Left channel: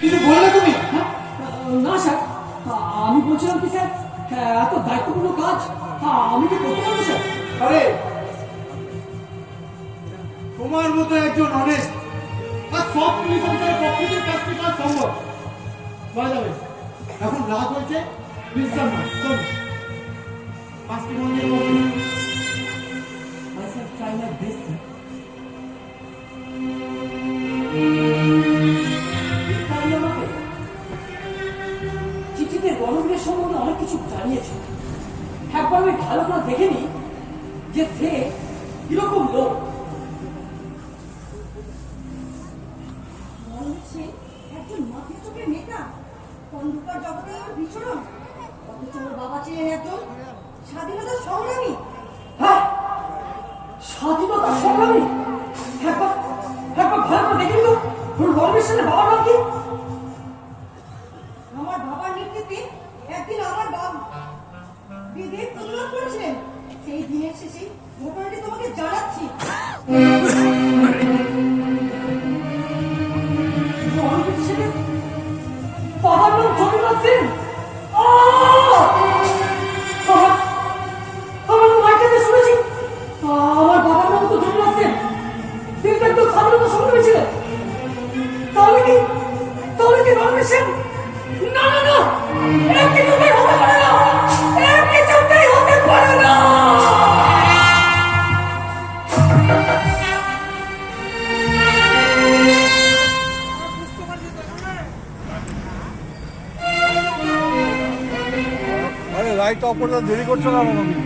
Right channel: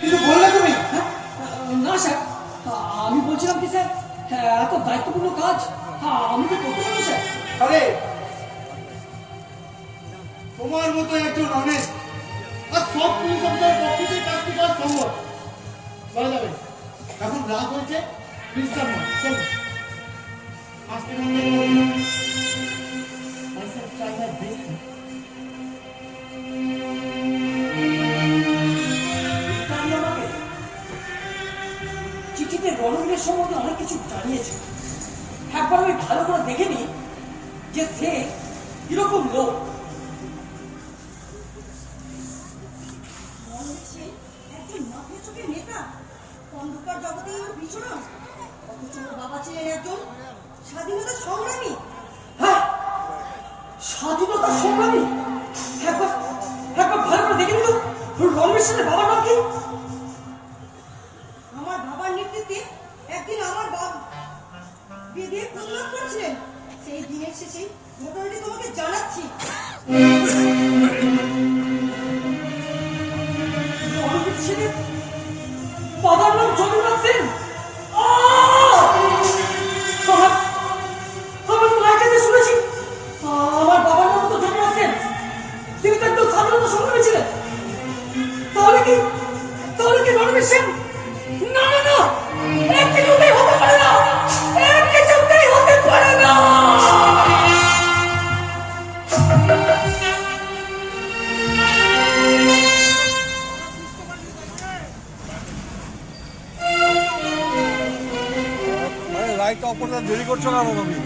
কিছু বললে তুমি? হ্যাঁ? না স্যার, আমি বলছিলাম কি স্যার, এত দায়িত্বপূর্ণ কাজ আমি কি করতে পারবো স্যার? আরে তোমার মতো একজন অনেস্ট আর সব পুলিশ অফিসারের পক্ষে তো কাজটি করা সম্ভব করা যাবে। এখন রাত হয়েছে, বিশ্রাম নাও, চলো আজকে মন্দির স্যার ট্রাই লাইক দিস। চিঠিতে রণবীরের সম্বন্ধে অনেক কিছু জানিয়েছে। একবার আমি ভালো করে দেখে নি যে সে কিরকম লোক। একজন মাথায় চোখের নেতা, অন্ধকার জগতে ওর বিচরণ, অথচ ওর বাবা ছিলেন একজন স্বাধীনতা সংগ্রামী। হ্যাঁ, স্বাধীনতা সংগ্রামী। একবার একবার ভালো করে দেখে নিল রণবীর সেনের বাবার নাম কি? আমার বাবার নেতৃত্বে একদিন আমার বাবা বিধে প্রতিবাদ করেছিলেন। সেই দিনের শেষে ঘটনাটি তোমাকে জানাচ্ছি। রণবীর সেনের বাবার নাম যদুনাথ সেন। আমার মাইকেতে শুনেছি আমার বাবার নাম তো যদুনাথ সেন। তিনি তো একদম স্বাধীনতা সংগ্রামী ছিলেন। তাহলে কি রণবীর সেন? না না না, এক কিছুতেই হতে পারে না, এক কিছুতেই হতে পারে না। লাইটটা অপর দেরি করছো কেন তুমি?